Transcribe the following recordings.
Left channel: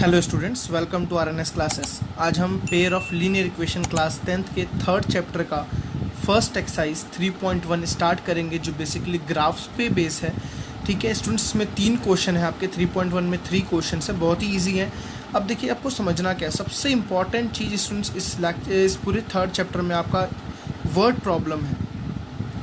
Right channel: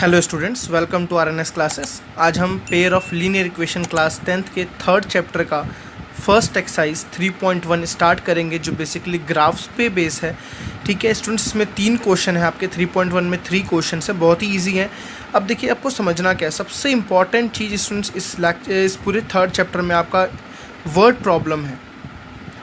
Hello students, welcome to RNS classes. आज हम pair of linear equation class 10th के third chapter का first exercise 3.1 start करेंगे, जो बेसिकली ग्राफ्स पे बेस है। ठीक है स्टूडेंट्स, इसमें 3 क्वेश्चन है आपके। 3.1 में 3 क्वेश्चन है, बहुत ही ईजी है। अब देखिए, आपको समझना क्या है। सबसे इंपॉर्टेंट चीज़ स्टूडेंट्स इस पूरे थर्ड चैप्टर में आपका वर्ड प्रॉब्लम है।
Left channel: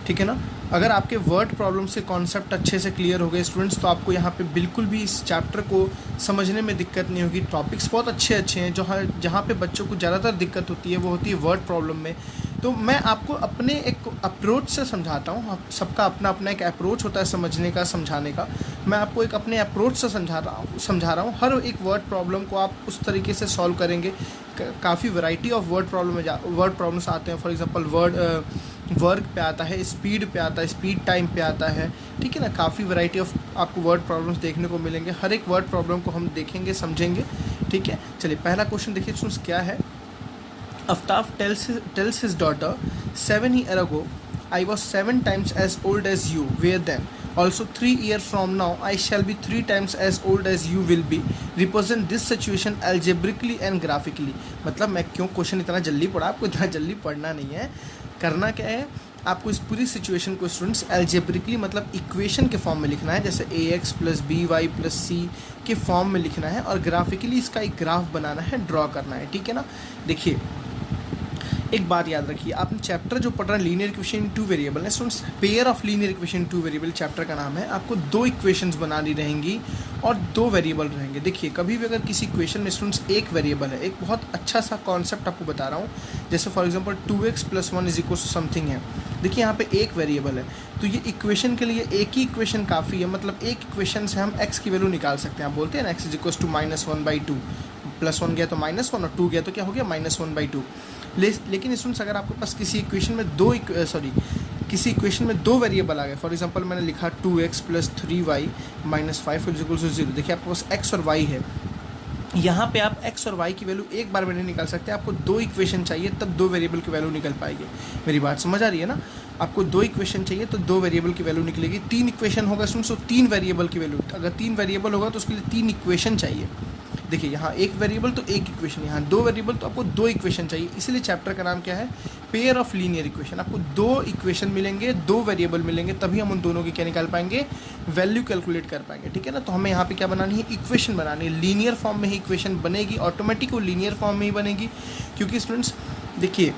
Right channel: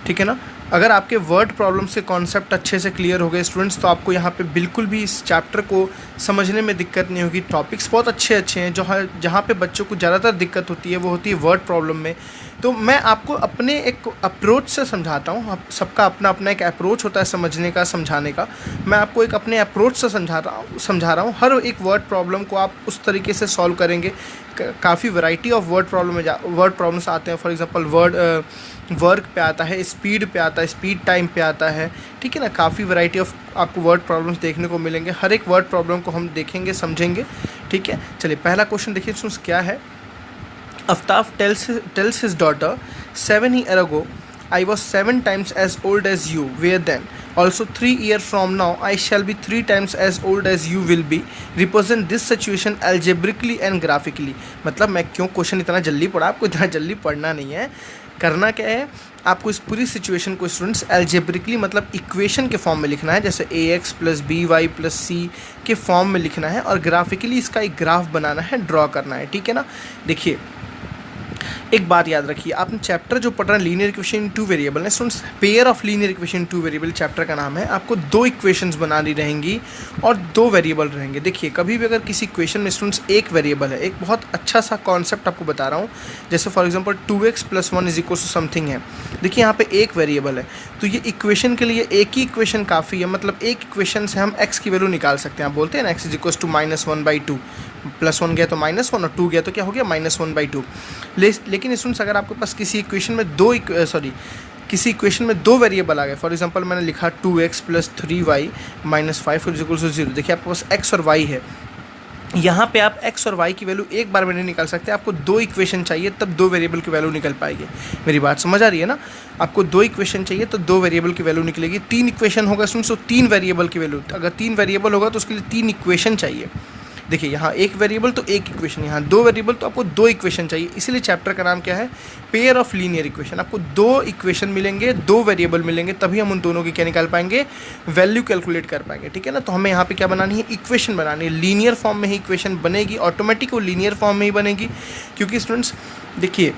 ठीक है ना। अगर आपके वर्ड प्रॉब्लम से कॉन्सेप्ट अच्छे से क्लियर हो गए स्टूडेंट्स, तो आपको यहाँ पे बिल्कुल भी इस चैप्टर को समझने में दिक्कत नहीं होगी। टॉपिक्स बहुत अच्छे हैं। जहाँ पे बच्चों को ज़्यादातर दिक्कत होती है वो होती है वर्ड प्रॉब्लम में। तो मैं आपको अपने एक अप्रोच से समझाता हूँ। आप सबका अपना अपना एक अप्रोच होता है समझने का, समझाने का। मैं आपको एक अपने अप्रोच से समझा रहा हूँ। हर एक वर्ड प्रॉब्लम को आप उस तरीके से सॉल्व करेंगे। काफ़ी वैरायटी ऑफ वर्ड प्रॉब्लम्स आते हैं। फॉर एग्जांपल वर्क पे आता है, स्पीड पे आता है, स्पीड टाइम पे आता है। ठीक है ना। काफ़ी वैरायटी ऑफ आपको वर्ड प्रॉब्लम्स देखने को मिलेंगे। हर एक वर्ड प्रॉब्लम को हम देखेंगे, समझेंगे। ठीक है, चलिए पहला क्वेश्चन देखिए स्टूडेंट्स, क्या है। Aftab tells his daughter, 7 years ago, I was 7 times as old as you were then. Also 3 years from now, I shall be 3 times as old as you will be. Represent this situation algebraically and graphically. मतलब मैं क्यों question इतना जल्दी पढ़ा, आपको इतना जल्दी पढ़ना नहीं है। करना क्या है, आपको इस पूरी सिचुएशन को स्टूडेंट्स एल्जेब्रिकली मतलब इक्वेशन के फॉर्म में लिखना है, जैसे ax plus B Y plus C के फॉर्म में लिखना है, और ग्राफिकली इसका एक ग्राफ बनाना है, ड्रॉ करना है। ठीक है ना। देखिए, एक बात याद रखिए, आपने चैप्टर जो पढ़ रहे हैं लीनियर इक्वेशन इन 2 वेरिएबल है students. Pair of linear equation in 2 variable chapter का नाम है। आपको 2 इक्वेशंस बनानी रहेंगी और 2 वेरिएबल रहेंगे। देखिए, कभी भी अगर किसी इक्वेशन में स्टूडेंट्स एक वेरिएबल है, एक बहुत अच्छा सा कॉन्सेप्ट आपको बता रहा हूँ। जैसे फॉर एग्जाम्पल 2x + 1 = समथिंग है। देखिए, यहाँ पे एक वेरिएबल है, तो ये इक्वेशन के लिए एक ही इक्वेशन काफ़ी है। मतलब एक इक्वेशन से हम x की वैल्यू निकाल सकते हैं। आप बोलते हैं ना x = -1/2, +1 गया तो -1 और 2 गया तो क्या हो गया -1/2। लेकिन स्टूडेंट्स, अगर आपके पास किसी इक्वेशन में दो वेरिएबल आ गए। फॉर एग्जांपल मैंने लिखा 2x + 3y - 5 = 0। देखिए, आपके पास x और y है। यहाँ पे आप x और y की वैल्यू एक बार में नहीं निकाल सकते। आपको 2 इक्वेशन चाहिए, तब 2 वेरिएबल की वैल्यू निकल पाएगी। मेरी बात समझ आ रही है ना। आपको 2 इक्वेशन चाहिए तो 2 वेरिएबल की वैल्यू निकलेगी। 3 इक्वेशन होगा स्टूडेंट्स तो 3 वेरिएबल की वैल्यू। अगर 3 वेरिएबल होगा तो उसके लिए 3 इक्वेशन चाहिए। देखिए, यहाँ एक वेरिएबल तो एक इक्वेशन, यहाँ 2 वेरिएबल तो आपको 2 इक्वेशन चाहिए। इसलिए चैप्टर का नाम क्या है, पेयर ऑफ लीनियर इक्वेशन। आपको 2 इक्वेशन मिलेंगे, 2 वेरिएबल मिलेंगे, तभी हम उन दोनों की क्या निकाल पाएंगे, वैल्यू कैलकुलेट कर पाएंगे। ठीक है ना। तो हमें यहाँ पे क्या बनानी है, इक्वेशन बनानी है। लीनियर फॉर्म में ही इक्वेशन बनेगी, ऑटोमेटिक वो लीनियर फॉर्म में ही बनेगी। क्योंकि स्टूडेंट्स देखिए,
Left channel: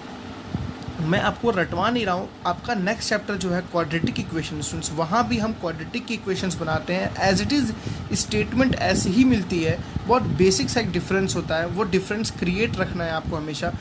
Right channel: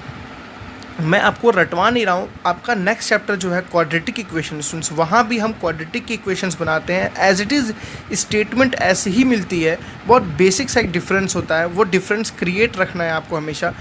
मैं आपको रटवा नहीं रहा हूँ। आपका नेक्स्ट चैप्टर जो है क्वाड्रेटिक इक्वेशन स्टूडेंट्स, वहाँ भी हम क्वाड्रेटिक की इक्वेशंस बनाते हैं। एज इट इज़ स्टेटमेंट ऐसे ही मिलती है, बहुत बेसिक सा एक डिफरेंस होता है। वो डिफरेंस क्रिएट रखना है आपको हमेशा।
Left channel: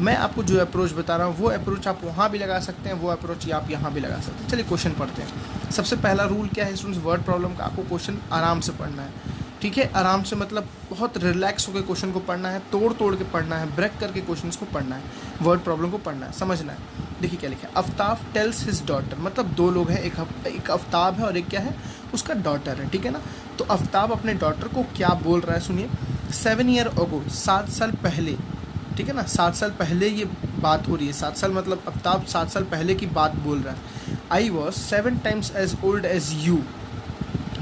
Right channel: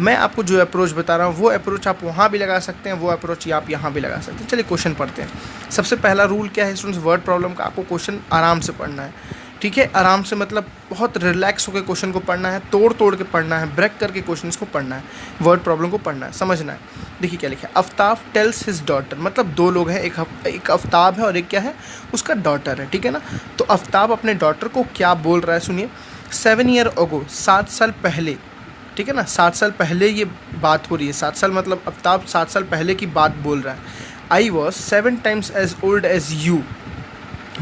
मैं आपको जो अप्रोच बता रहा हूँ, वो अप्रोच आप वहाँ भी लगा सकते हैं, वो अप्रोच आप यहाँ भी लगा सकते हैं। चलिए क्वेश्चन पढ़ते हैं। सबसे पहला रूल क्या है स्टूडेंट्स, वर्ड प्रॉब्लम का आपको क्वेश्चन आराम से पढ़ना है। ठीक है, आराम से मतलब बहुत रिलैक्स होकर क्वेश्चन को पढ़ना है, तोड़ तोड़ के पढ़ना है, ब्रेक करके क्वेश्चन को पढ़ना है, वर्ड प्रॉब्लम को पढ़ना है, समझना है। देखिए क्या लिखा है, आफ्ताब टेल्स हिज डॉटर। मतलब 2 लोग हैं, एक आफ्ताब है और एक क्या है, उसका डॉटर है। ठीक है ना। तो आफ्ताब अपने डॉटर को क्या बोल रहा है, सुनिए। 7 years ago, 7 साल पहले। ठीक है ना, 7 साल पहले ये बात हो रही है। 7 साल मतलब आफ्ताब 7 साल पहले की बात बोल रहा है। I was 7 times as old as you।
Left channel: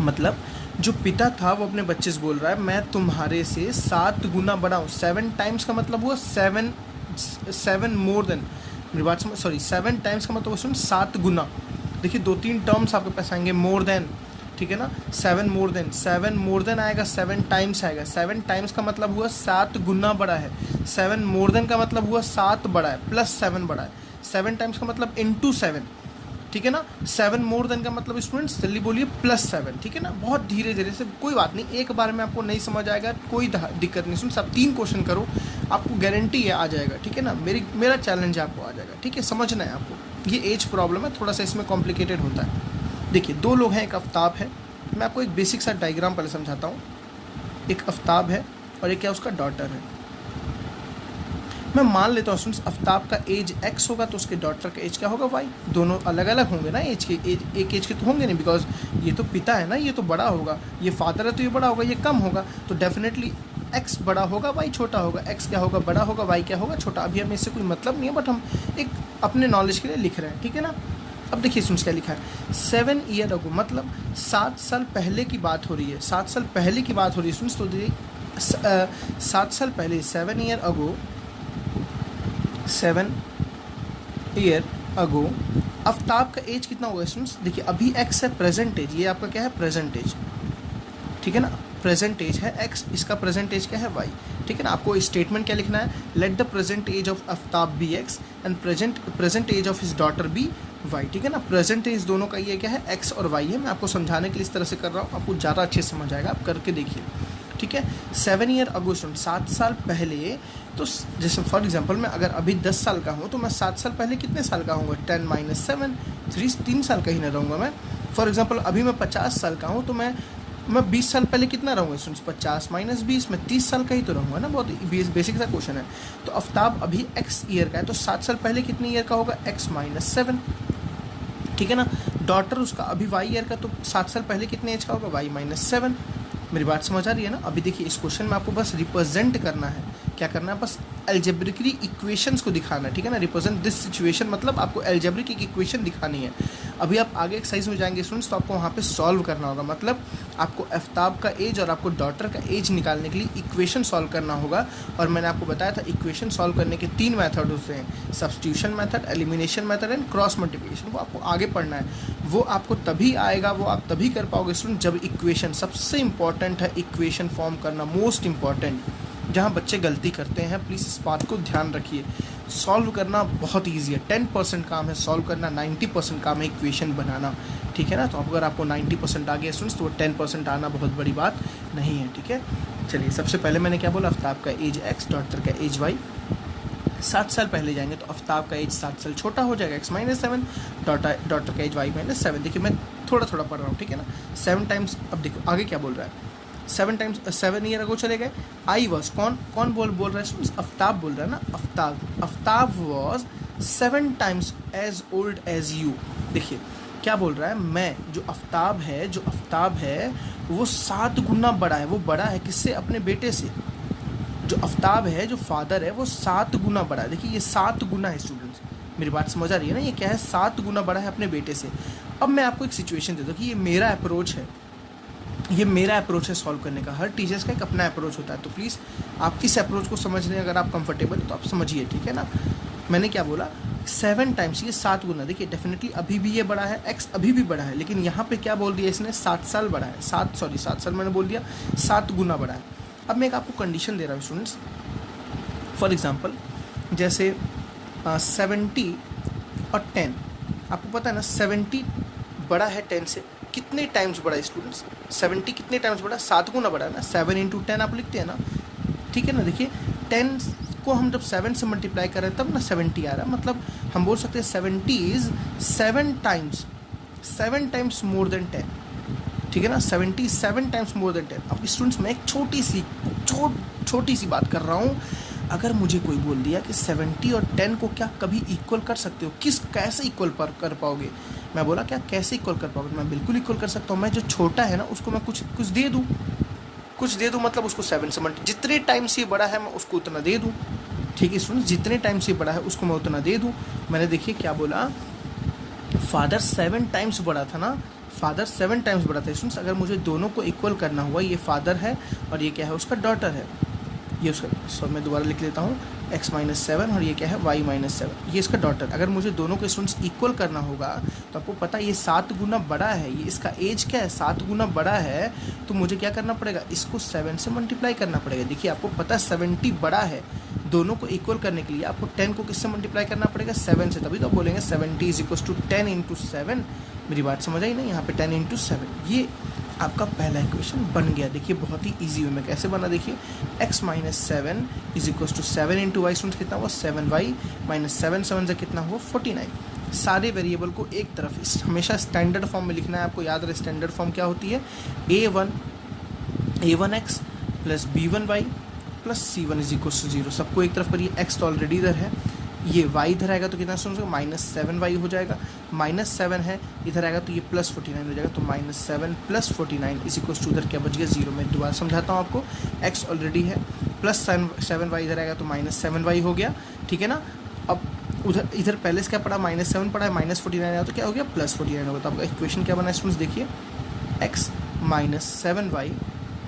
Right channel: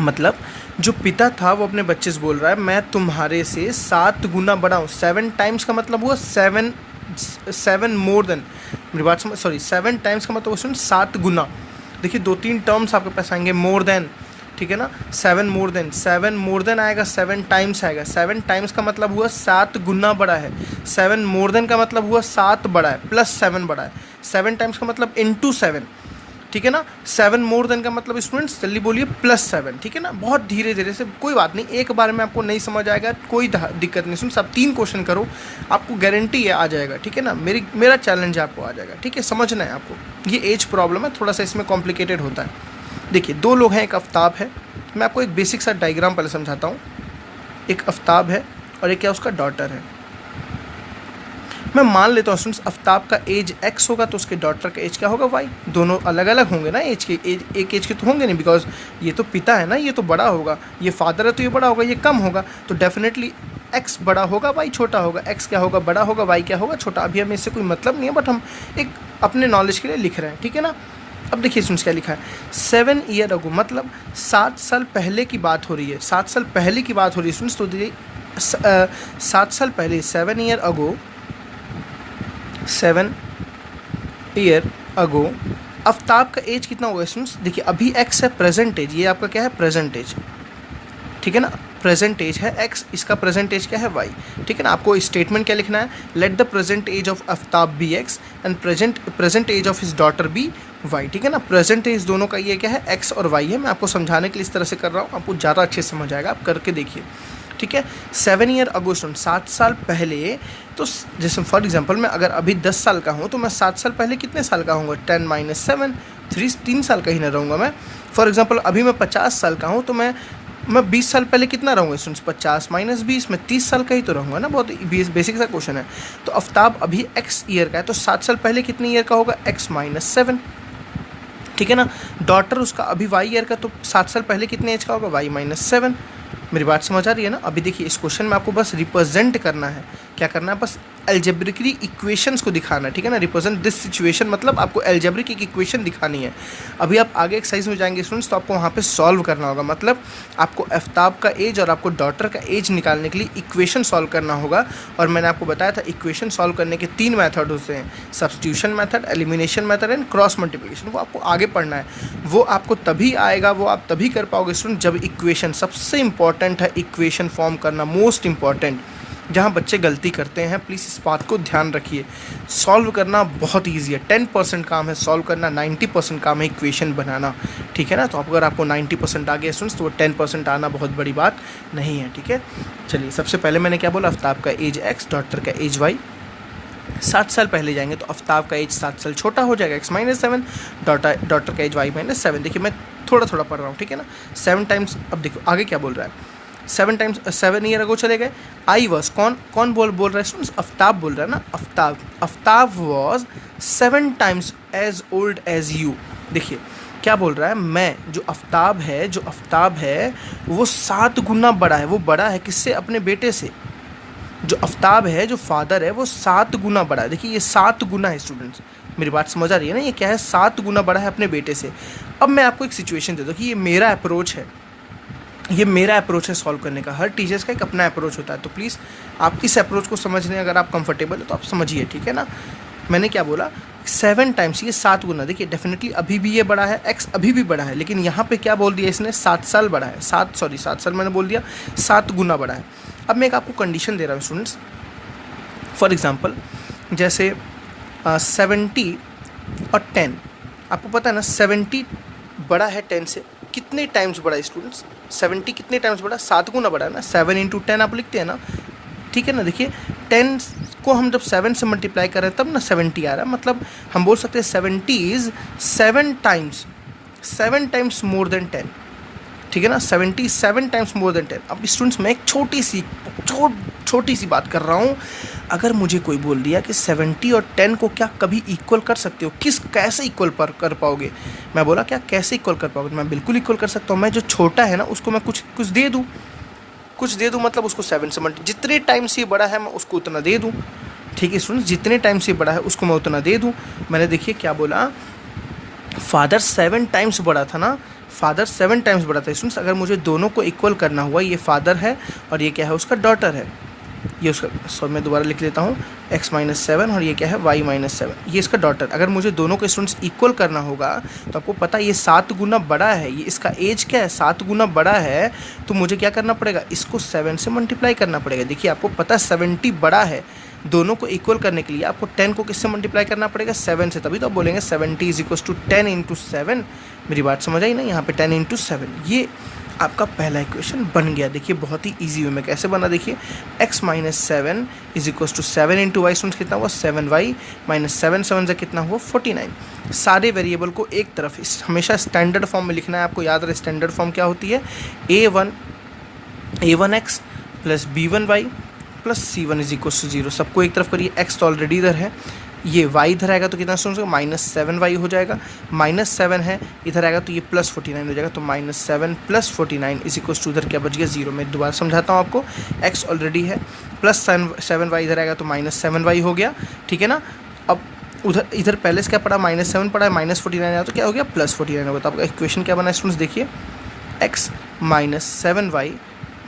मतलब जो पिता था वो अपने बच्चे से बोल रहा है, मैं तुम्हारे से 7 गुना बड़ा हूँ। 7 times का मतलब हुआ 7 मोर देन। मेरी बात समझ, सॉरी 7 times का मतलब उसमें 7 गुना। देखिए 2-3 टर्म्स आपके पास आएंगे, मोर देन। ठीक है ना। 7 मोर देन आएगा, 7 times आएगा। 7 times का मतलब हुआ 7 गुना बड़ा है। 7 मोर देन का मतलब हुआ 7 बड़ा है, प्लस 7 बड़ा है। 7 times का मतलब इंटू 7। ठीक है ना। 7 मोर देन का मतलब स्टूडेंट्स जल्दी बोलिए +7। ठीक है ना। बहुत धीरे धीरे से, कोई बात नहीं, एक बार में आपको नहीं समझ आएगा, कोई दिक्कत नहीं। सुन, सब 3 क्वेश्चन करो, आपको गारंटी है आ जाएगा। ठीक है ना। मेरा चैलेंज है, आपको आ जाएगा। ठीक है, समझना है आपको। ये एज प्रॉब्लम है, थोड़ा सा इसमें कॉम्प्लिकेटेड होता है। देखिए 2 लोग हैं, एक आफ्ताब है। मैं आपको एक बेसिक सा डायग्राम पहले समझाता हूँ। एक आफ्ताब है और एक क्या, उसका डॉटर है। मैं मान लेता हूँ स्टूडेंट्स, आफ्ताब का एज x होगा तो उसके डॉटर का एज क्या होगा, y। दोनों अलग अलग होंगे ना एज के, एक एज के तो होंगे नहीं, बिकॉज ये तो पिता है ना, ये तो बड़ा होगा। ये फादर है तो ये बड़ा होगा, ये कम होगा। तो डेफिनेटली x बड़ा होगा, y छोटा होगा। x क्या होगा, बड़ा होगा, y क्या होगा, छोटा। अभी हमें इससे कोई मतलब नहीं है, बट हम एक अपने नॉलेज के लिए लिख रहे हैं। ठीक है ना। अब देखिए स्टूडेंट्स क्या लिखा है, 7 years ago मतलब 7 साल पहले की बात हो रही है। 7 साल पहले की बात हो रही है स्टूडेंट्स। तो देखिए 7 साल पहले 7 ईयर अगो आफ्ताब का एज कितना हुआ स्टूडेंट्स? देखिए अभी एक्स है प्रेजेंट एज, ये आपका क्या है प्रेजेंट एज, ठीक है ना, प्रेजेंट एज है एक्स, इसका प्रेजेंट एज क्या है वाई, ठीक है ना। आपको स्टेटमेंट क्या लिखना है, let the present age of Aftab be X and present age of his daughter be Y, ठीक है ना। प्रेजेंट एज दोनों का ये क्या है एक्स और वाई है। मैं आपको समझाने के लिए इस तरह से कर रहा हूँ, आपको ज़्यादा अच्छे से समझ आएगा, आप करके देखिए, ठीक है। 7 ईयर अगो स्टूडेंट, 7 साल पहले, तो जैसे फॉर एग्जांपल मैं अगर अभी 10 साल का हूँ तो मैं 7 साल पहले कितने साल का हूँगा, 10 - 7, 3 साल का ही ना रहूँगा मैं। फॉर एग्जांपल अभी मैं 50 साल का हूँ तो मैं 20 साल पहले कितना रहूँगा स्टूडेंट्स, 50 - 20, मैं 30 साल का ही तो रहूँगा ना। बहुत बेसिक सा क्वेश्चन है। तो आफ्ताब अभी एक्स ईयर का है तो 7 साल पहले कितने ईयर का होगा, x - 7, ठीक है ना। डॉटर उसका अभी वाई ईयर का, तो 7 साल पहले कितने एज का होगा, y - 7। मेरी बात समझ आ रही है ना। अभी देखिए इस क्वेश्चन में आपको बस रिप्रेजेंट करना है, क्या करना है, बस एल्जेब्रिकली इक्वेशंस को दिखाना है, ठीक है ना। रिप्रेजेंट दिस सिचुएशन मतलब आपको एल्जेब्रिक एक इक्वेशन दिखानी है। अभी आप आगे एक्सरसाइज में जाएंगे स्टूडेंट्स तो आपको वहाँ पे सॉल्व करना होगा, मतलब आपको आफ्ताब का एज और आपको डॉटर का एज निकालने के लिए इक्वेशन सॉल्व करना होगा। और मैंने आपको बताया था इक्वेशन सॉल्व करने के 3 मेथड होते हैं, substitution method, elimination method and cross multiplication. वो आपको आगे पढ़ना है, वो आपको तभी आएगा, वो आप तभी कर पाओगे स्टूडेंट जब इक्वेशन, सबसे इंपॉर्टेंट है इक्वेशन फॉर्म करना, मोस्ट इंपॉर्टेंट। जहाँ बच्चे गलती करते हैं प्लीज़ इस बात को ध्यान रखिए, सॉल्व करना बहुत ईजी है, 10% काम है सॉल्व करना, 90% काम है इक्वेशन बनाना, ठीक है ना। तो अगर आपको 90% आ गया स्टूडेंट्स तो वो 10% आना बहुत बड़ी बात नहीं है, ठीक है। चलिए सबसे पहले मैंने क्या बोला, आफ्ताब का एज एक्स, डॉटर का एज वाई। 7 साल पहले जाएंगे तो आफ्ताब का एज 7 साल छोटा हो जाएगा, x - 7, डॉटर का एज y - 7। देखिए मैं थोड़ा थोड़ा पढ़ रहा हूँ, ठीक है ना। 7 टाइम्स, अब देखो आगे क्या बोल रहा है, 7 ईयर अगो चले गए। आई वॉज, कौन बोल रहा है स्टूडेंट्स, आफ्ताब बोल रहा है ना, Aftab was 7 times as old as you. देखिए क्या बोल रहा है, मैं जो आफ्ताब है वो 7 गुना बड़ा है, वो बड़ा है किससे, अपने बेटे से। जो आफ्ताब है, जो फादर है, वो 7 गुना बड़ा है। देखिए ये 7 गुना है स्टूडेंट्स, मेरी बात समझ आ रही है ना, ये क्या है, 7 गुना बड़ा है अपने बेटे से। अब मैं आपको एक सिचुएशन दे दूँ कि ये मेरा अप्रोच है, ये मेरा अप्रोच है सॉल्व करने का। हर टीचर्स का एक अपना अप्रोच होता है, तो प्लीज़ आप इस अप्रोच को समझने अगर आप कंफर्टेबल हो तो आप समझिए, ठीक है ना। मैंने क्या बोला, 7 टाइम्स, ये 7 गुना। देखिए डेफिनेटली अभी भी ये बड़ा है, एक्स अभी भी बड़ा है, लेकिन यहाँ पे क्या बोल दिया इसने, 7 साल बड़ा है, 7 साल मैंने बोल दिया, 7 गुना बड़ा है। अब मैं एक आपको कंडीशन दे रहा हूँ स्टूडेंट्स, फॉर एग्जांपल जैसे 70 और 10, आपको पता है ना 70 बड़ा है 10 से, कितने टाइम्स बड़ा है स्टूडेंट्स, 70 कितने टाइम्स बड़ा, 7 गुना बड़ा है ना, 7 × 10 आप लिखते हैं ना, ठीक है ना। देखिए 10 को हम जब 7 से मल्टीप्लाई कर रहे हैं तब ना 70 आ रहा है, मतलब हम बोल सकते हैं 70 इज़ 7 टाइम्स मोर देन 10, ठीक है ना। 77 टाइम्स मोर देन 10। अब स्टूडेंट्स मैं एक छोटी सी बात कर रहा हूँ, अगर मुझे कोई बोल दिया कि 70 और 10 को क्या कभी इक्वल कर सकते हो, कैसे इक्वल पर कर पाओगे, मैं बोला क्या कैसे इक्वल कर पाओगे, मैं बिल्कुल इक्वल कर सकता हूँ। मैं जो छोटा है ना उसको मैं कुछ दे दूँ, मतलब उसको 7 से जितने टाइम से बड़ा है मैं उसको उतना दे दूँ, ठीक है स्टूडेंट्स, जितने टाइम से बड़ा है उसको मैं उतना दे दूँ। मैंने देखिए क्या बोला, फादर 7 टाइम्स बड़ा था ना, फादर 7 टाइम्स बड़ा था स्टूडेंट्स। अगर मुझे दोनों को इक्वल करना हुआ, ये फादर है और ये क्या है, उसका डॉटर है, ये उसका, मैं दोबारा लिख लेता हूँ, x - 7 और ये क्या है, y - 7, ये इसका डॉटर। अगर मुझे दोनों को स्टूडेंट्स इक्वल करना होगा तो आपको पता है ये 7 गुना बड़ा है, ये इसका एज क्या है, 7 गुना बड़ा है, तो मुझे क्या करना पड़ेगा, इसको 7 से मल्टीप्लाई करना पड़ेगा। देखिए आपको पता है 70 बड़ा है, दोनों को इक्वल करने के लिए आपको 10 को किससे मल्टीप्लाई करना पड़ेगा, 7 से, तभी तो आप बोलेंगे 70 = 10 × 7। मेरी बात समझ आई ना, यहाँ पे 10 × 7, ये आपका पहला इक्वेशन बन गया। देखिए बहुत ही इजी वे में कैसे बना, देखिए x - 7 = 7 × y स्टूडेंट्स कितना हुआ, 7y - 7 7 से कितना हुआ, 49। सारे वेरिएबल को एक तरफ हमेशा स्टैंडर्ड फॉर्म में लिखना है, आपको याद रहे स्टैंडर्ड फॉर्म क्या होती है, a1x + b1y + c1 = 0। सबको एक तरफ करिए, x तो ऑलरेडी इधर है, ये y इधर आएगा तो कितना स्टूडेंट्स, -7y हो जाएगा, -7 है इधर आएगा तो ये +49 हो जाएगा, तो -7 + 49 = इधर क्या बच गया, 0। मैं दोबारा समझाता हूँ आपको, x ऑलरेडी है, +7y इधर आएगा तो -7y हो गया, ठीक है ना। अब इधर पहले से क्या पड़ा, -7 पड़ा है, -49 आया तो क्या हो गया, +49 हो गया। तो आपका इक्वेशन क्या बना है स्टूडेंट्स, देखिए x - 7y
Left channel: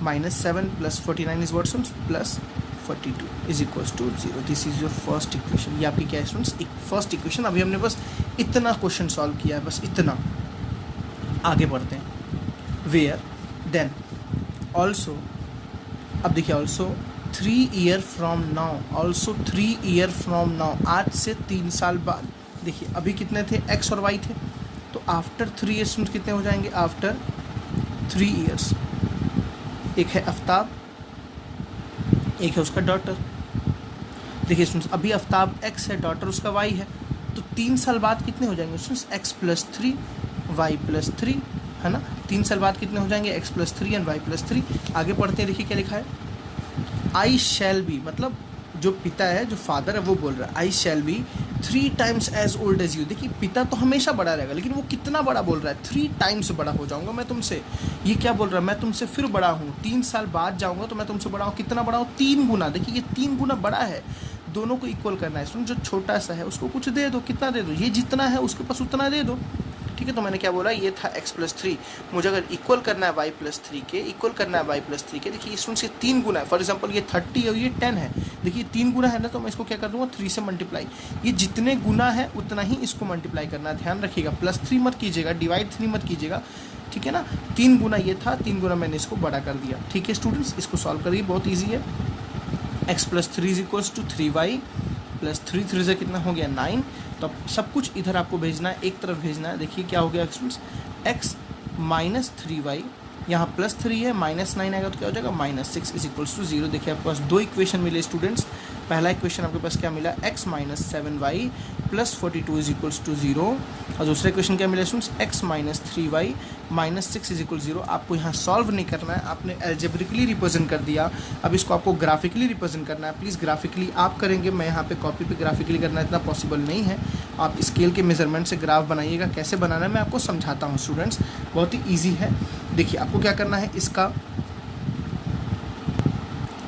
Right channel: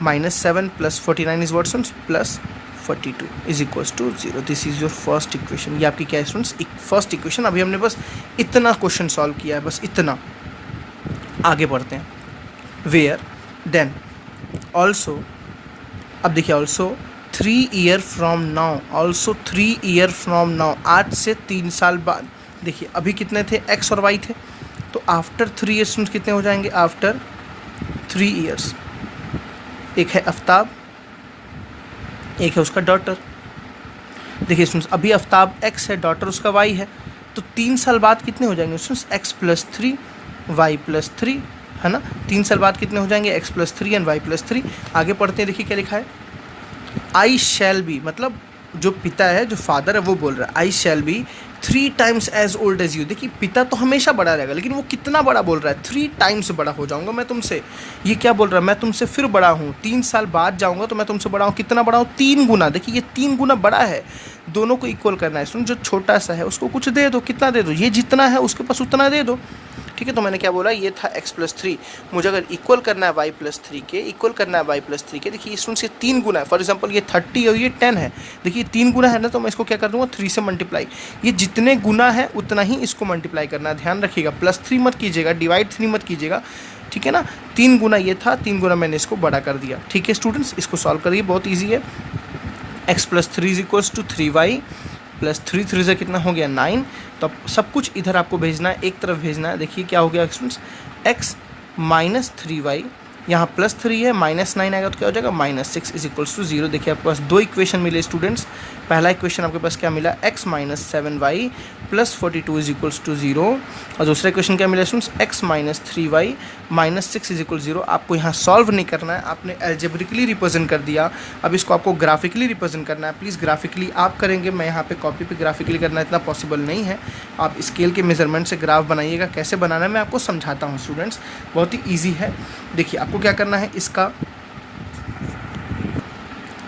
-7 + 49 is what students +42 is equals to 0। This is your first equation. ये आपकी क्या है स्टूडेंट्स, फर्स्ट इक्वेशन। अभी हमने बस इतना क्वेश्चन सॉल्व किया है, बस इतना। आगे बढ़ते हैं। वेयर देन ऑल्सो, अब देखिए also 3 year from now, also 3 year from now, आज से 3 साल बाद। देखिए अभी कितने थे, x और y थे, तो आफ्टर 3 ईयर्स कितने हो जाएंगे, आफ्टर 3 ईयर्स। एक है आफ्ताब, एक है उसका डॉटर। देखिए स्टूडेंट्स अभी आफ्ताब x है, डॉटर उसका y है, तो 3 साल बाद कितने हो जाएंगे स्टूडेंट्स, x + 3 y + 3, है ना। 3 साल बाद कितने हो जाएंगे, x + 3 एंड y + 3। आगे पढ़ते हैं, देखिए क्या लिखा है, आई शैल बी, मतलब जो पिता है, जो फादर है, वो बोल रहा है I shall be 3 times as old as you. देखिए पिता तो हमेशा बड़ा रहेगा, लेकिन वो कितना बड़ा बोल रहा है, 3 टाइम्स बड़ा हो जाऊंगा मैं तुमसे। ये क्या बोल रहा है, मैं तुमसे फिर बड़ा हूँ, 3 साल बाद जाऊंगा तो मैं तुमसे बड़ा हूँ। कितना बड़ा हूँ, 3 गुना। देखिए ये 3 गुना बड़ा है। दोनों को इक्वल करना है। सुन, जो छोटा सा है उसको कुछ दे दो, कितना दे दो, ये जितना है उसके पास उतना दे दो, ठीक है। तो मैंने क्या बोला, ये था x + 3, मुझे अगर इक्वल करना है y + 3 के, इक्वल करना है y + 3 के। देखिए इसमें से 3 गुना है, फॉर एग्जांपल ये 30 और ये 10 है। देखिए 3 गुना है ना, तो मैं इसको क्या कर दूंगा, 3 से मल्टीप्लाई। ये जितने गुना है उतना ही इसको मल्टीप्लाई करना है, ध्यान रखिएगा। +3 मत कीजिएगा, डिवाइड 3 मत कीजिएगा, ठीक है ना। 3 गुना ये था, 3 गुना मैंने इसको बड़ा कर दिया, ठीक है स्टूडेंट्स। इसको सॉल्व करिए, बहुत ईजी है। x + 3 = 3y + 3 3 से कितना हो गया, 9। तो अब सब कुछ इधर आपको भेजना है, एक तरफ भेजना है। देखिए क्या हो गया स्टूडेंट्स, x - 3y, यहाँ +3 है, -9 आएगा तो क्या हो जाएगा, -6 इज इक्वल्स टू 0। देखिए आपके पास 2 इक्वेशन मिले स्टूडेंट्स। पहला इक्वेशन आपके पास क्या मिला, x - 7y + 42 is equals to 0, और दूसरा इक्वेशन क्या मिला students, x - 3y -6 is equal 0। आपको यहाँ सॉल्व नहीं करना है, आपने एल्जेब्रिकली रिप्रेजेंट कर दिया। अब इसको आपको ग्राफिकली रिप्रेजेंट करना है। प्लीज़ ग्राफिकली आप करेंगे, मैं यहाँ पे कॉपी पे ग्राफिकली करना इतना पॉसिबल नहीं है। आप स्केल के मेजरमेंट से ग्राफ बनाइएगा। कैसे बनाना है मैं आपको समझाता हूँ स्टूडेंट्स, बहुत ही ईजी है। देखिए आपको क्या करना है, इसका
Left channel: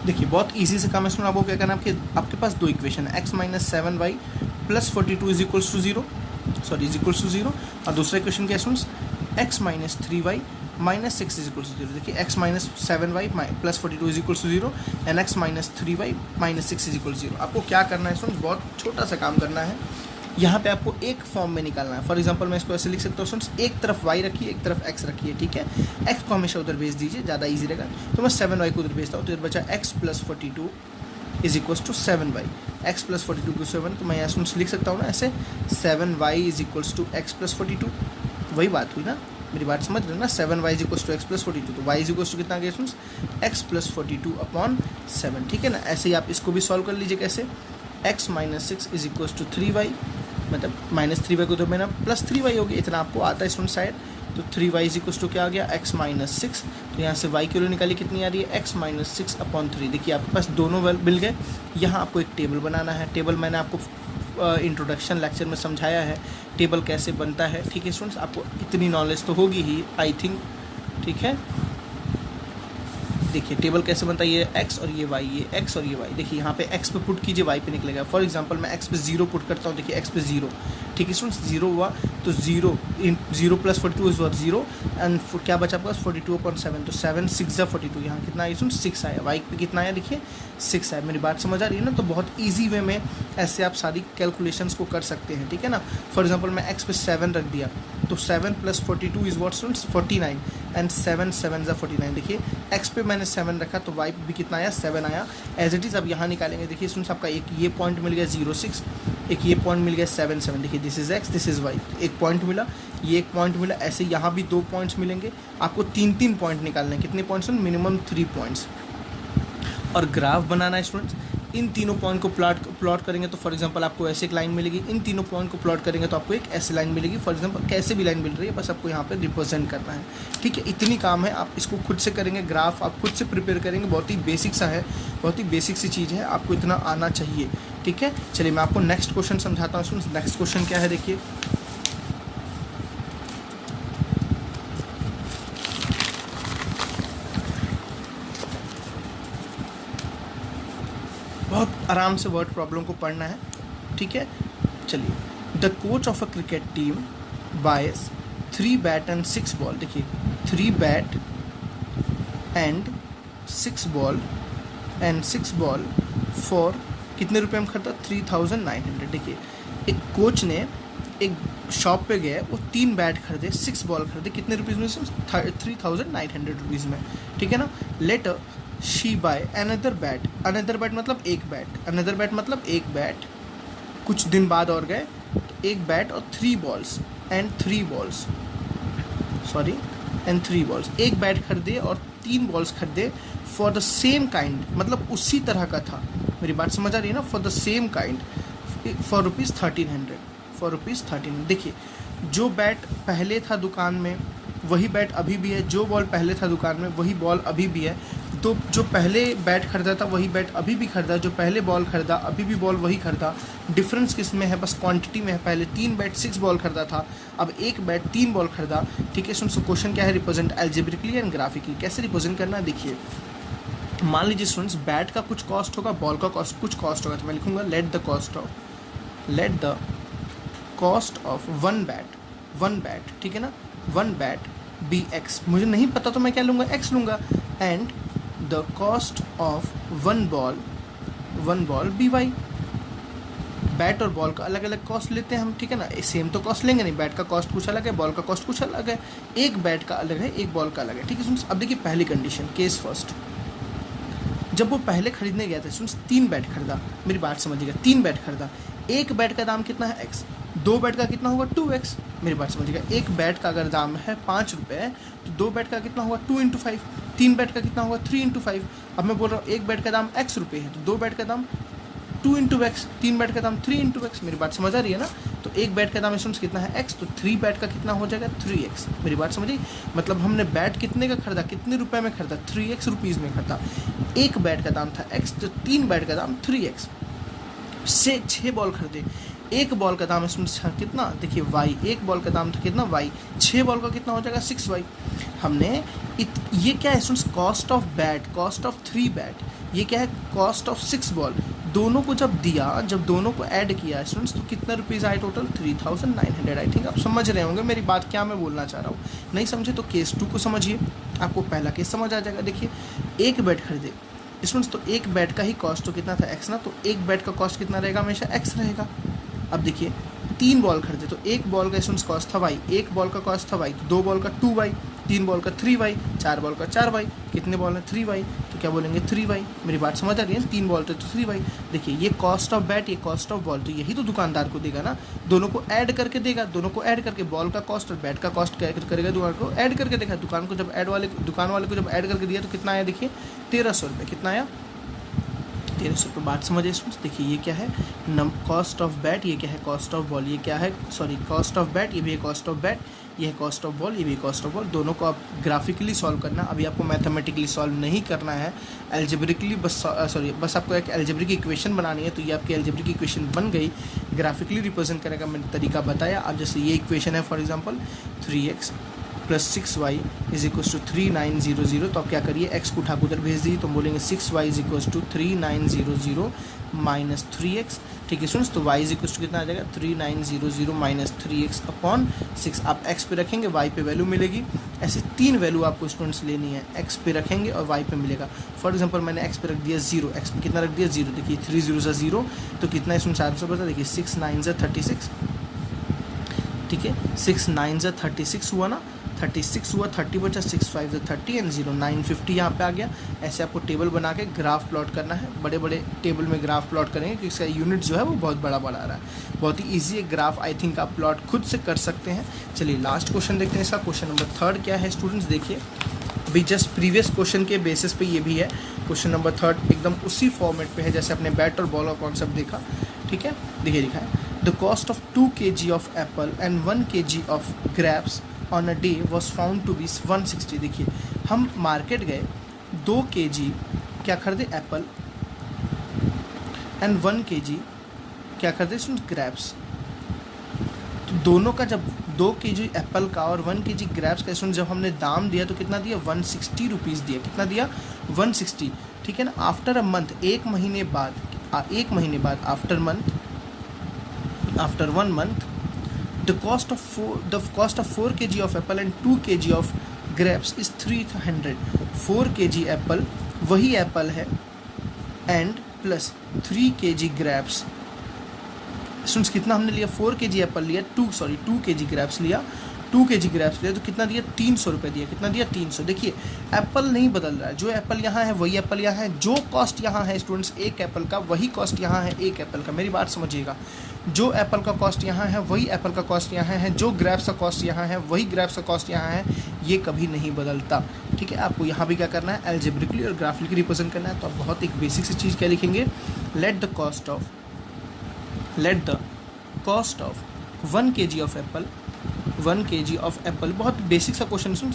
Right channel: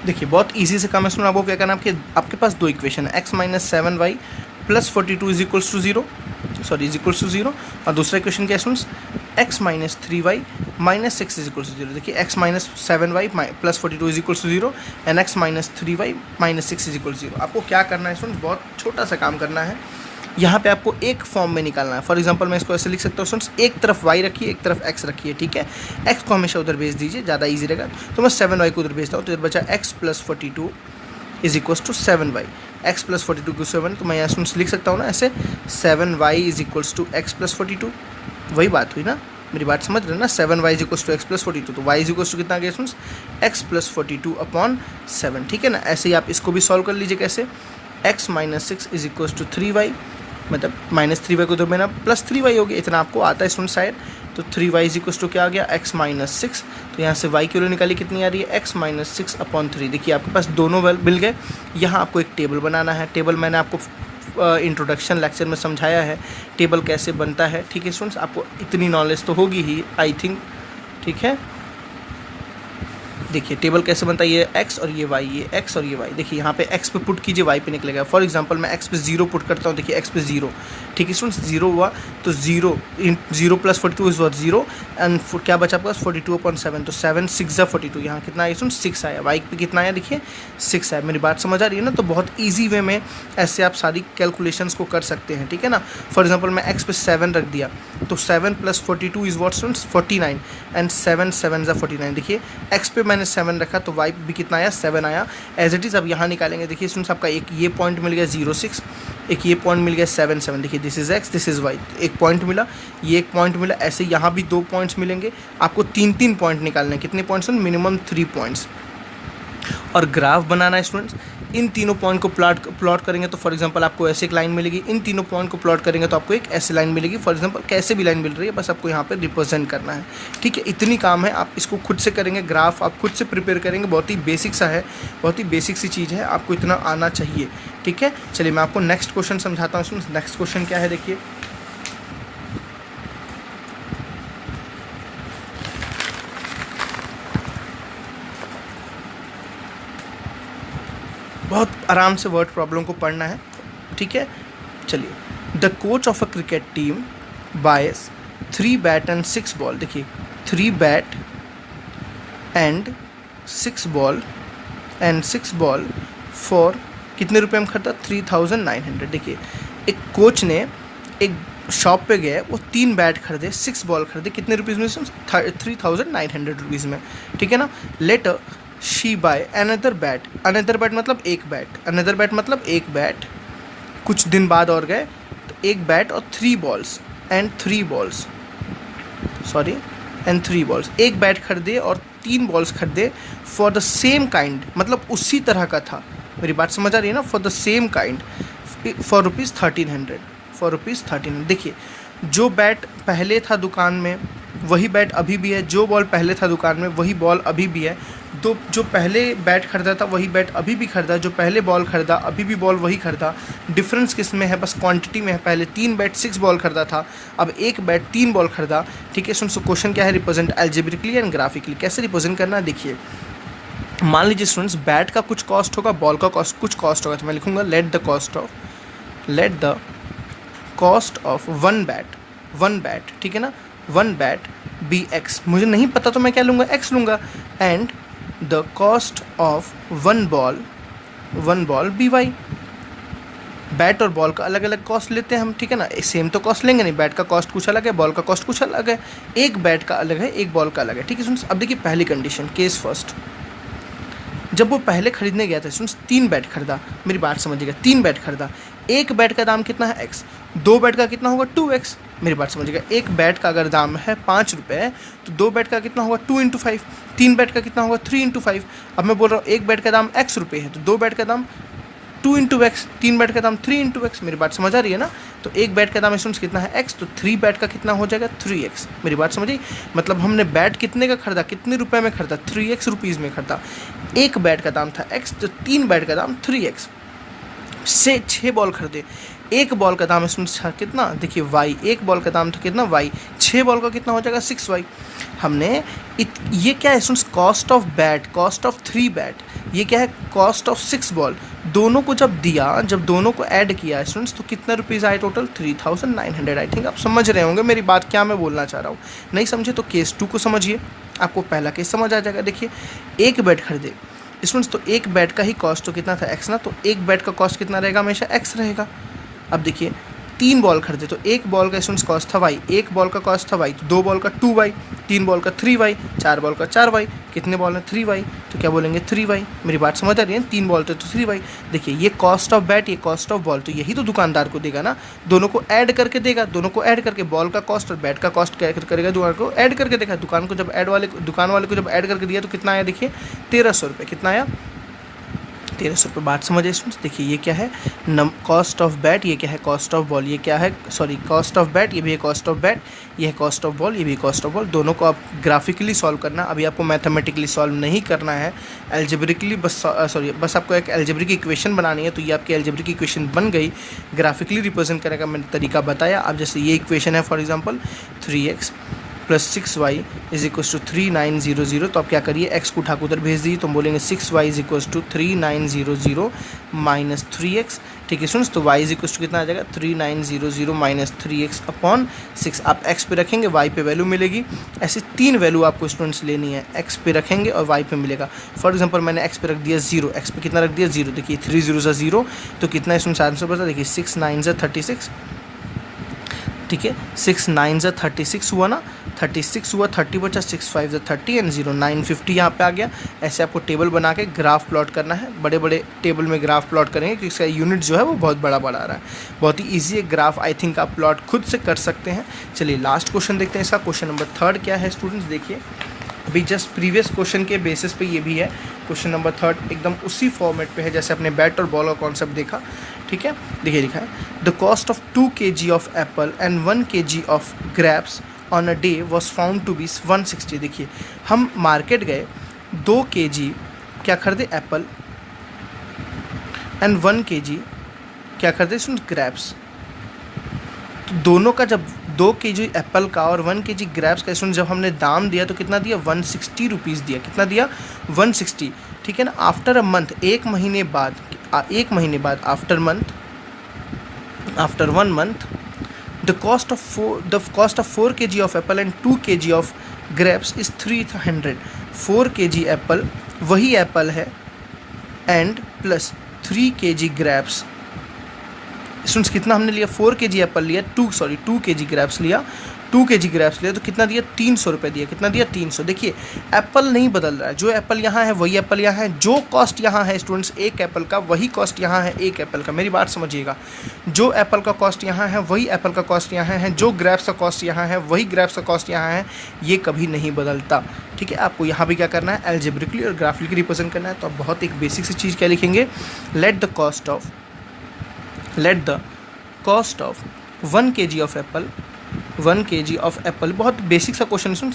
देखिए बहुत इजी से काम है सुनो। आपको क्या करना है, आपके पास 2 इक्वेशन है, x - 7y + 42 is equals to 0, sorry is equals to 0, और दूसरा इक्वेशन क्या है students, x - 3y -6 is equals to 0। देखिए x - 7y + 42 is equals to 0 and x - 3y -6 is equals 0। आपको क्या करना है स्टूडेंट्स, बहुत छोटा सा काम करना है। यहाँ पे आपको एक फॉर्म में निकालना है। फॉर एग्जांपल मैं इसको ऐसे लिख सकता हूँ स्टूडेंट्स, एक तरफ y रखिए, एक तरफ x रखिए, ठीक है। x को हमेशा उधर भेज दीजिए, ज़्यादा इजी रहेगा। तो मैं 7y को उधर भेजता हूँ, तो इधर बचा x + 42 is equals to 7y। x + 42 को 7, तो मैं यहाँ स्टूडेंट्स लिख सकता हूँ ना ऐसे, 7y is equals to x + 42। वही बात हुई ना, मेरी बात समझ रहे ना। 7y is equals to x + 42, तो y इज इक्वल्स टू कितना गया स्टूडेंट्स, x + 42/7, ठीक है ना। ऐसे ही आप इसको भी सॉल्व कर लीजिए। कैसे, x - 6 is equals to 3y, मतलब -3y को तो मैंने +3y हो गया, इतना आपको आता है स्टूडेंट शायद। तो 3y इज इक्वल्स टू क्या आ गया, x - 6। तो यहाँ से y की वैल्यू निकाली, कितनी आ रही है, x - 6/3। देखिए आपके पास दोनों मिल गए। यहाँ आपको एक टेबल बनाना है। टेबल मैंने आपको इंट्रोडक्शन लेक्चर में समझाया है, टेबल कैसे बनता है, ठीक है स्टूडेंट्स। आपको इतनी नॉलेज तो होगी ही, आई थिंक, ठीक है। देखिए टेबल कैसे बनता है, ये x और ये y, ये x और ये y। देखिए यहाँ पे x पे पुट कीजिए, y पे निकलेगा। फॉर एग्जांपल मैं x पे 0 पुट करता हूँ। देखिए x पे 0, ठीक है स्टूडेंट्स, 0 हुआ तो 0 + 42 इज व्हाट 0 एंड क्या बचा आपके पास 42/7, तो 7 6 = 42। यहाँ कितना आया स्टूडेंट्स, 6 आया। y पे कितना आया, देखिए 6 आया। मेरी बात समझ आ रही है ना। तो बहुत ईजी वे में ऐसे आप सारी कैलकुलेशंस को कर सकते हैं, ठीक है ना। फॉर एग्जाम्पल मैं x पे 7 रख दिया, तो 7 + 42 इज व्हाट स्टूडेंट्स, 49 एंड 7 7 = 49। देखिए x पे मैंने 7 रखा, तो y भी कितना आया, 7 आया। एज इट इज़ अब यहाँ निकालेंगे। देखिए स्टूडेंट्स आपका एक ये पॉइंट मिल गया 0 6, एक ये पॉइंट मिल गया 7 7। देखिए this is x, this is y, एक पॉइंट मिला, ये एक पॉइंट मिला। ऐसे यहाँ भी 2 पॉइंट्स मिलेंगे। आपको 3 पॉइंट निकालने हैं। कितने पॉइंट्स हैं, मिनिमम 3 पॉइंट्स। और ग्राफ बनाना है स्टूडेंट्स। इन तीनों पॉइंट को प्लॉट करेंगे तो फॉर एग्जांपल आपको ऐसे एक लाइन मिलेगी। इन तीनों पॉइंट को प्लॉट करेंगे तो आपको एक ऐसी लाइन मिलेगी। फॉर एग्जांपल कैसे भी लाइन मिल रही है, बस आपको यहाँ पे रिप्रेजेंट करना है, ठीक है। इतनी काम है, आप इसको खुद से करेंगे। ग्राफ आप खुद से प्रिपेयर करेंगे। बहुत ही बेसिक सा है, बहुत ही बेसिक सी चीज़ है, आपको इतना आना चाहिए, ठीक है। चलिए मैं आपको नेक्स्ट क्वेश्चन समझाता हूँ। नेक्स्ट क्वेश्चन क्या है, देखिए बहुत आराम से वर्ड प्रॉब्लम को पढ़ना है, ठीक है। चलिए, the coach of a cricket team bias 3 bat and 6 ball. देखिए 3 bat and 6 ball and 6 ball for कितने रुपए में खरीदा? 3900। देखिए एक कोच ने एक शॉप पे गया, वो 3 बैट खरीदे, 6 बॉल खरीदे, कितने रुपीज़ में? 3900 रुपीज़ में, ठीक है ना। Later she buy another bat, another bat मतलब एक बैट, अनदर बैट मतलब एक बैट, कुछ दिन बाद और गए तो एक बैट और 3 balls and 3 balls, sorry and 3 balls, एक बैट खरीदे और 3 बॉल्स खरीदे फॉर द सेम काइंड, मतलब उसी तरह का था, मेरी बात समझ आ रही है ना, for the same kind for ₹1300, for ₹1300। देखिए जो बैट पहले था दुकान में वही बैट अभी भी है, जो बॉल पहले था दुकान में वही बॉल अभी भी है, तो जो पहले बैट खरीदा था वही बैट अभी भी खरीदा, जो पहले बॉल खरीदा अभी भी बॉल वही खरीदा। डिफरेंस किस में है? बस क्वांटिटी में है। पहले 3 बैट 6 बॉल खरीदा था, अब एक बैट 3 बॉल खरीदा, ठीक है। सुन क्वेश्चन क्या है? Represent algebraically and graphically. कैसे रिप्रेजेंट करना है? देखिए मान लीजिए स्टूडेंट्स बैट का कुछ कॉस्ट होगा, बॉल का कॉस्ट कुछ कॉस्ट होगा, तो मैं लिखूंगा let the cost of one bat, ठीक है ना, वन बैट बी एक्स। मुझे नहीं पता तो मैं क्या लूँगा? एक्स लूँगा। And the cost of one ball be Y. Bat और बॉल का अलग अलग कॉस्ट लेते हैं हम, ठीक है ना, सेम तो कॉस्ट लेंगे नहीं, बैट का कॉस्ट कुछ अलग है, बॉल का कॉस्ट कुछ अलग है, एक बैट का अलग है, एक बॉल का अलग है, ठीक है। अब देखिए पहली कंडीशन, केस फर्स्ट, जब वो पहले खरीदने गया था सुन 3 बैट खरीदा, मेरी बात समझिएगा, 3 बैट खरीदा, एक बैट का दाम कितना है? एक्स, 2 बैट का कितना होगा? 2x, मेरी बात समझिएगा। एक बैट का अगर दाम है 5 रुपये तो 2 बैट का कितना होगा? 2 × 5। 3 बैट का कितना होगा? 3 × 5। अब मैं बोल रहा हूँ एक बैट का दाम x रुपये है तो 2 बैट का दाम 2 × x, 3 बैट का दाम 3 × x, मेरी बात समझ आ रही है ना। तो एक बैट का दाम स्टूडेंट्स कितना है? x, तो 3 बैट का कितना हो जाएगा? 3x, मेरी बात समझिए। मतलब हमने बैट कितने का खरीदा, कितने रुपए में खरीदा? 3x रुपीज़ में खरीदा। एक बैट का दाम था x, तो 3 बैट का दाम 3x से 6 बॉल खरीदे, एक बॉल का दाम इसमें कितना? देखिए y, एक बॉल का दाम था कितना? y, 6 बॉल का कितना हो जाएगा? 6y। हमने ये क्या है students? Cost of bat, cost of 3 bat, ये क्या है? Cost of 6 ball. दोनों को जब दिया, जब दोनों को ऐड किया स्टूडेंट्स तो कितना रुपीज़ आए टोटल? 3900। आई थिंक आप समझ रहे होंगे मेरी बात, क्या मैं बोलना चाह रहा हूँ। नहीं समझे तो केस 2 को समझिए, आपको पहला केस समझ आ जाएगा। देखिए एक बैट खरीदे स्टूडेंट्स, तो एक बैट का ही कॉस्ट तो कितना था? एक्स ना, तो एक बैट का कॉस्ट कितना रहेगा? हमेशा एक्स रहेगा। अब देखिए 3 बॉल खरीदे तो एक बॉल का स्टूडेंट्स कॉस्ट था वाई, एक बॉल का कॉस्ट था वाई, तो 2 बॉल का 2y, 3 बॉल का 3y, 4 बॉल का 4y, कितने बॉल है? 3y, तो क्या बोलेंगे? 3y। मेरी बात समझ आ रही है? 3 बॉल थे तो 3y। देखिए ये कॉस्ट ऑफ बैट, ये कॉस्ट ऑफ बॉल, तो यही तो दुकानदार को देगा ना, दोनों को ऐड करके देगा, दोनों को ऐड करके बॉल का कॉस्ट और बैट का कॉस्ट क्या करेगा? दुकान को ऐड करके देगा। दुकान को जब दुकान वाले को जब ऐड करके दिया तो कितना आया? देखिए 1300 रुपये, कितना आया? 1300 रुपये। बात समझिए स्टूडेंट्स। देखिए ये क्या है? कॉस्ट ऑफ बैट, ये क्या है? कॉस्ट ऑफ बॉल, ये क्या है? सॉरी कॉस्ट ऑफ बैट, ये भी है कॉस्ट ऑफ बैट, ये है कॉस्ट ऑफ बॉल, ये भी कॉस्ट ऑफ बॉल। दोनों को आप ग्राफिकली सॉल्व करना, अभी आपको मैथमेटिकली सॉल्व नहीं करना है, एल्जेब्रिकली बस आपको एक एल्जेब्रिक इक्वेशन बनानी है, तो ये आपकी एल्जेब्रिक इक्वेशन बन गई। ग्राफिकली रिप्रेजेंट करने का मैंने तरीका बताया। अब जैसे ये इक्वेशन है फॉर एग्जाम्पल 3x + 6y = 3900, तो आप क्या करिए? x को उठा के उधर भेज दीजिए, तो हम बोलेंगे 6y = 3900 - 3x, ठीक है स्टूडेंट्स। तो y = कितना आ जाएगा? 3900 - 3x अपॉन 6। आप x पे रखेंगे, y पे वैल्यू मिलेगी। ऐसे 3 वैल्यू आपको स्टूडेंट्स लेनी है, x पे रखेंगे और y पे मिलेगा। फॉर एग्जांपल मैंने x पे रख दिया 0, x पे कितना रख दिया? 0। देखिए 3 0 = 0, तो कितना स्टूडेंट्स आंसर बता? देखिए 6 9 = 36, ठीक है, 6 9 = 36 हुआ ना, 36 हुआ, 30 बचा, 6 5 = 30 एंड 0 950 यहाँ पे आ गया। ऐसे आपको टेबल बना के ग्राफ प्लॉट करना है, बड़े बड़े टेबल में ग्राफ प्लॉट करेंगे क्योंकि इसका यूनिट जो है वो बहुत बड़ा बड़ा आ रहा है। बहुत ही ईजी है ग्राफ, आई थिंक आप प्लॉट खुद से कर सकते हैं। चलिए लास्ट क्वेश्चन देखते हैं इसका। क्वेश्चन नंबर 3 क्या है स्टूडेंट्स? देखिए अभी जस्ट प्रीवियस क्वेश्चन के बेसिस पे ये भी है। क्वेश्चन नंबर 3 एकदम उसी फॉर्मेट पे है जैसे अपने बैट और बॉल का कॉन्सेप्ट देखा, ठीक है। देखिए लिखा है the cost of 2 kg of apple and 1 kg of grapes on a day was found to be 160। देखिए हम मार्केट गए, 2 kg क्या खरीदे? एप्पल, एंड 1 kg क्या खरीदे? सुन ग्रेप्स। तो दोनों का जब 2 kg एप्पल का और 1 kg ग्रेप्स का सुन जब हमने दाम दिया तो कितना दिया? 160 रुपीज़ दिया। कितना दिया? 160, ठीक है ना। आफ्टर अ मंथ, 1 महीने बाद, after 1 month the cost of 4 kg of apple and 2 kg of grapes is 300। 4 kg Apple, वही एप्पल है and plus 3 kg grapes. Students कितना हमने लिया, 4 kg एप्पल लिया, 2 kg ग्रेप्स लिया, 2 kg ग्रेप्स लिया, तो कितना दिया, 300 रुपये दिया। कितना दिया, 300। देखिए एप्पल नहीं बदल रहा है, जो एप्पल यहाँ है वही एप्पल यहाँ है, जो कॉस्ट यहाँ है स्टूडेंट्स एक एप्पल का वही कॉस्ट यहाँ है एक एप्पल का। मेरी बात समझिएगा, जो एप्पल का कॉस्ट यहाँ है वही एप्पल का कॉस्ट यहाँ है, जो ग्रेप्स का कॉस्ट यहाँ है वही ग्रेप्स का कॉस्ट यहाँ है, ये कभी नहीं बदलता। ठीक है, आपको यहाँ भी क्या करना है, एल्जेब्रिकली और ग्राफिकली रिप्रेजेंट करना है। तो आप बहुत एक बेसिक सी चीज़ क्या लिखेंगे, let the cost of 1 kg of Apple, 1 kg of Apple, बहुत बेसिक सा क्वेश्चन सुन,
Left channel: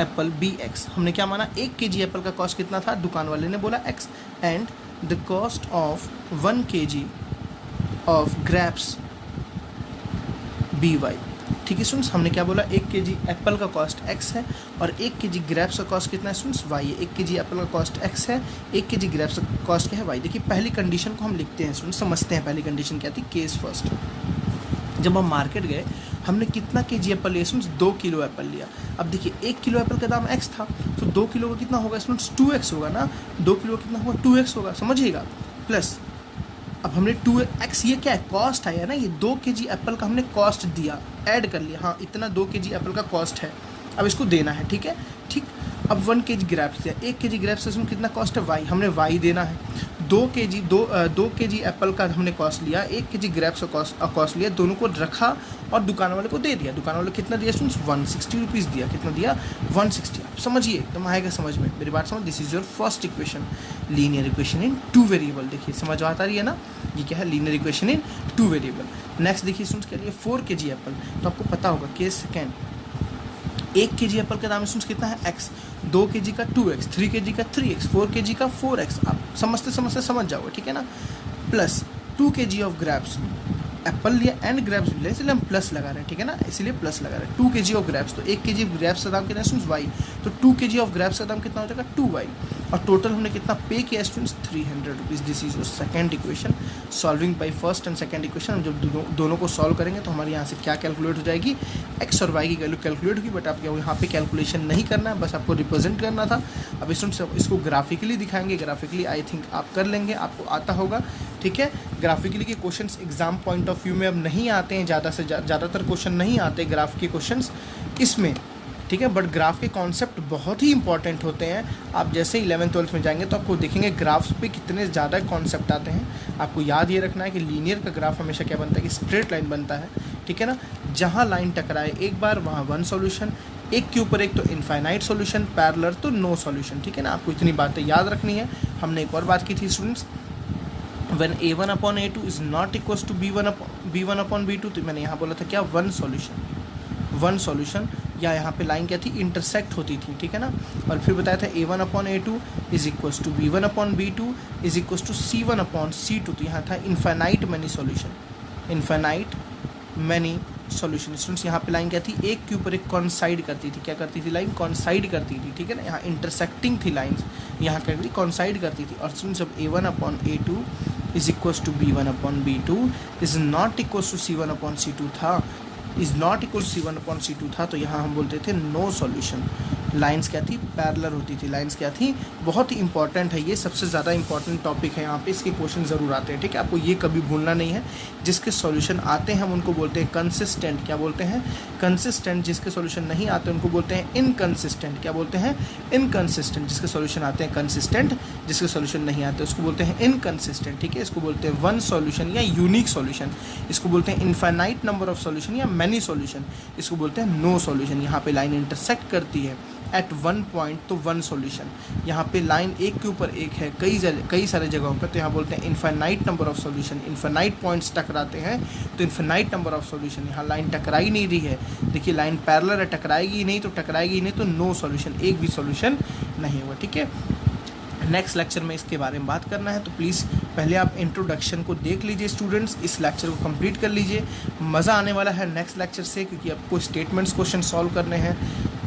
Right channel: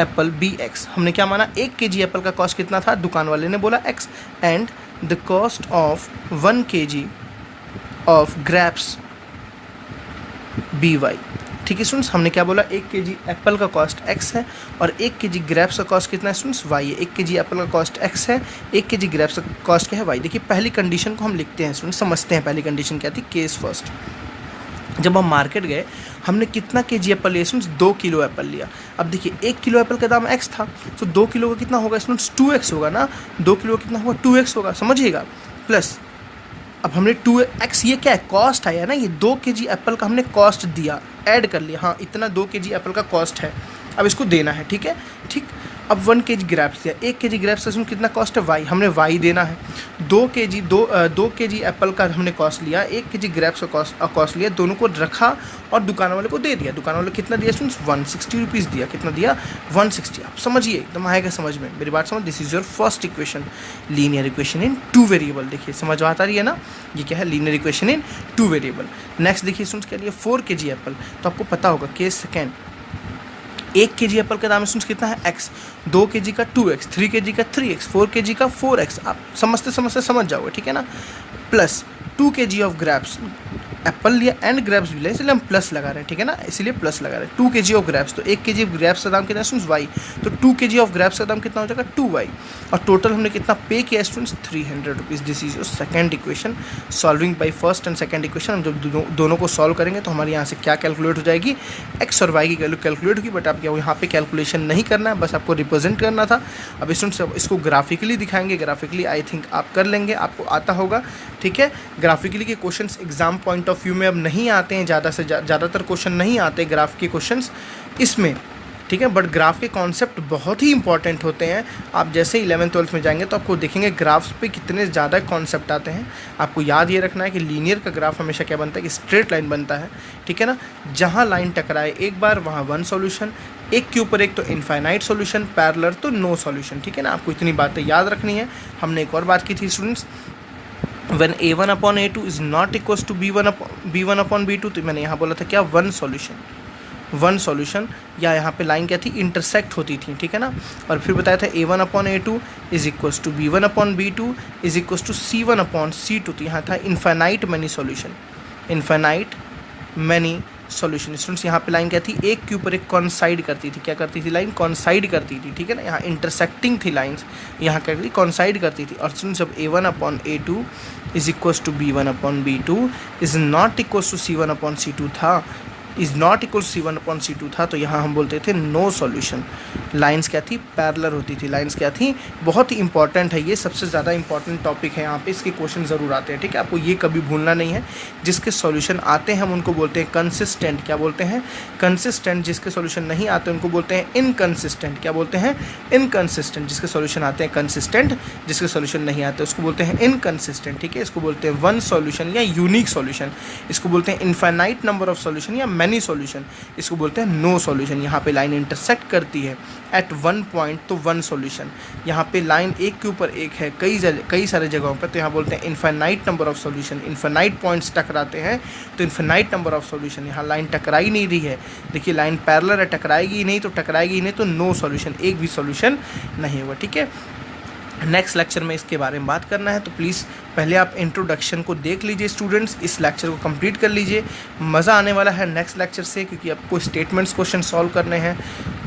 एप्पल बी एक्स। हमने क्या माना, 1 kg एप्पल का कॉस्ट कितना था, दुकान वाले ने बोला X, and the cost of 1 kg of grapes be Y. ठीक है स्टूडेंट्स, हमने क्या बोला, 1 kg एप्पल का कॉस्ट x है और 1 kg ग्रेप्स का कॉस्ट कितना है स्टूडेंट्स, y है। 1 kg एप्पल का कॉस्ट x है, 1 kg ग्रेप्स का कॉस्ट क्या है, y। देखिए पहली कंडीशन को हम लिखते हैं स्टूडेंट्स, समझते हैं पहली कंडीशन क्या थी, केस फर्स्ट। जब हम मार्केट गए हमने कितना kg एप्पल लिया स्टूडेंट्स, 2 किलो एप्पल लिया। अब देखिए 1 किलो एप्पल का दाम x था, तो 2 किलो का कितना होगा स्टूडेंट्स, 2x होगा ना, 2 किलो का कितना होगा, 2x होगा, समझिएगा। प्लस अब हमने 2x, ये क्या है, कॉस्ट आया ना, ये 2 kg एप्पल का हमने कॉस्ट दिया, ऐड कर लिया, हाँ इतना 2 kg एप्पल का कॉस्ट है, अब इसको देना है। ठीक है, ठीक। अब 1 kg ग्रेप्स दिया, 1 kg ग्रेप्स से कितना कॉस्ट है, y, हमने y देना है। 2 kg एप्पल का हमने कॉस्ट लिया, 1 kg ग्रेप्स का कॉस्ट लिया, दोनों को रखा और दुकान वाले को दे दिया। दुकान वाले कितना दिया स्टूडेंट्स, 160 रुपीज़ दिया। कितना दिया, 160। आप समझिए, एकदम आएगा समझ में, मेरी बात समझ। This is your first equation, linear equation in 2 variable. देखिए समझ आता रही है ना, ये क्या है, linear equation in 2 variable. Next देखिए स्टूडेंट्स क्या लिया, 4 kg एप्पल, तो आपको पता होगा केस सेकेंड, 1 kg एप्पल का दाम स्टूडेंट्स कितना है, x, 2 kg का 2x, 3 kg का 3x, 4 kg का 4x। आप समझते समझ जाओगे, ठीक है ना। Plus 2 kg of grapes, Apple लिया एंड ग्रेप्स भी लिया, इसलिए हम प्लस लगा रहे हैं, ठीक है ना, इसीलिए प्लस लगा रहे हैं। 2 kg ऑफ ग्रेप्स, तो 1 kg ग्रेप्स का दाम कितना है स्टूडेंट्स, y, तो 2 kg ऑफ ग्रेप्स का दाम कितना हो जाएगा, 2y। और टोटल हमने कितना पे किया students, 300 rupees. This is your second equation, solving by first and second equation. हम जब दोनों को सॉल्व करेंगे तो हमारे यहाँ से क्या कैलकुलेट हो जाएगी, x और y की वैल्यू कैलकुलेट होगी, बट आपको यहाँ पे कैलकुलेशन नहीं करना है, बस आपको रिप्रेजेंट करना था। अब स्टूडेंट्स इसको ग्राफिकली दिखाएंगे, ग्राफिकली आई थिंक आप कर लेंगे, आपको आता होगा। ठीक है, ग्राफिकली के questions exam point of view में अब नहीं आते हैं, ज़्यादातर क्वेश्चन नहीं आते ग्राफ के क्वेश्चंस इसमें, ठीक है, बट ग्राफ के कॉन्सेप्ट बहुत ही इंपॉर्टेंट होते हैं। आप जैसे 11th-12th में जाएंगे तो आपको देखेंगे ग्राफ्स पे कितने ज़्यादा कॉन्सेप्ट आते हैं। आपको याद ये रखना है कि लीनियर का ग्राफ हमेशा क्या बनता है, कि स्ट्रेट लाइन बनता है, ठीक है ना, जहाँ लाइन टकराए एक बार वहाँ वन सॉल्यूशन, एक के ऊपर एक तो इनफाइनाइट सॉल्यूशन, पैरेलल तो नो सॉल्यूशन, ठीक है ना। आपको इतनी बातें याद रखनी है। हमने एक और बात की थी students, when a1 upon a2 is not equals to b1 upon b2, तो मैंने यहाँ बोला था क्या, वन सॉल्यूशन, या यहाँ पे लाइन क्या थी, इंटरसेक्ट होती थी, ठीक है ना। और फिर बताया था a1 upon a2 is equals to b1 upon b2 is equals to c1 upon c2, तो यहाँ था इनफाइनाइट मैनी सॉल्यूशन। स्टूडेंट्स यहाँ पे लाइन क्या थी, एक के ऊपर एक कॉन्साइड करती थी, क्या करती थी, लाइन कॉन्साइड करती थी, ठीक है ना। यहाँ इंटरसेक्टिंग थी लाइंस, यहाँ क्या करती, कॉन्साइड करती थी। और स्टूडेंट्स जब a1 upon a2 is equals to b1 upon b2 is not equals to c1 upon c2 था, is not equal c1 upon c2 था, तो यहाँ हम बोलते थे नो सॉल्यूशन। लाइंस क्या थी, पैरेलल होती थी, लाइंस क्या थी, बहुत ही इंपॉर्टेंट है, ये सबसे ज़्यादा इंपॉर्टेंट टॉपिक है, यहाँ पे इसके क्वेश्चन ज़रूर आते हैं, ठीक है। आपको ये कभी भूलना नहीं है। जिसके सॉल्यूशन आते हैं हम उनको बोलते हैं कंसिस्टेंट, क्या बोलते हैं, कंसिस्टेंट। जिसके सॉल्यूशन नहीं आते उनको बोलते हैं इनकंसिस्टेंट, क्या बोलते हैं, इनकंसिस्टेंट। जिसके सॉल्यूशन आते हैं कंसिस्टेंट, जिसके सॉल्यूशन नहीं आते उसको बोलते हैं इनकंसिस्टेंट, ठीक है। इसको बोलते हैं वन सॉल्यूशन या यूनिक सॉल्यूशन, इसको बोलते हैं इनफाइनाइट नंबर ऑफ सॉल्यूशन या मैनी सॉल्यूशन, इसको बोलते हैं नो सॉल्यूशन। यहाँ पे लाइन इंटरसेक्ट करती है एट वन पॉइंट, तो वन सॉल्यूशन। यहाँ पे लाइन एक के ऊपर एक है कई सारे जगहों पर, तो यहाँ बोलते हैं infinite number of solution. Infinite points टकराते हैं तो इनफाइनाइट नंबर ऑफ सॉल्यूशन। यहाँ लाइन टकराई नहीं रही है, देखिए लाइन पैरेलल है, टकराएगी ही नहीं, तो नो सॉल्यूशन, एक भी सॉल्यूशन नहीं होगा, ठीक है। नेक्स्ट लेक्चर में इसके बारे में बात करना है, तो प्लीज़ पहले आप इंट्रोडक्शन को देख लीजिए स्टूडेंट्स, इस लेक्चर को कंप्लीट कर लीजिए। मज़ा आने वाला है नेक्स्ट लेक्चर से, क्योंकि आपको स्टेटमेंट्स क्वेश्चन सॉल्व करने हैं।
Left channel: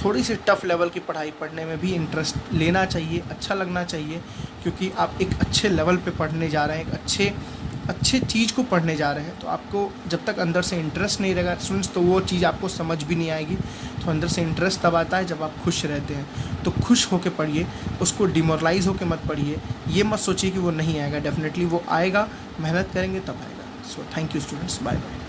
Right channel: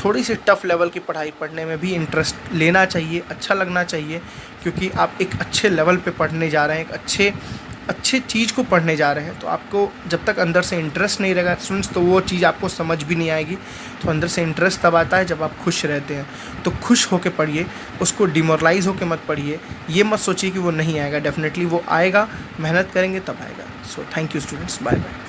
थोड़ी सी टफ लेवल की पढ़ाई पढ़ने में भी इंटरेस्ट लेना चाहिए, अच्छा लगना चाहिए, क्योंकि आप एक अच्छे लेवल पे पढ़ने जा रहे हैं, एक अच्छे अच्छे चीज़ को पढ़ने जा रहे हैं, तो आपको जब तक अंदर से इंटरेस्ट नहीं रहेगा स्टूडेंट्स, तो वो चीज़ आपको समझ भी नहीं आएगी। तो अंदर से इंटरेस्ट तब आता है जब आप खुश रहते हैं। तो खुश होके पढ़िए, उसको डिमोरलाइज़ होके मत पढ़िए। ये मत सोचिए कि वो नहीं आएगा, डेफिनेटली वो आएगा, मेहनत करेंगे तब आएगा। So thank you students, bye bye.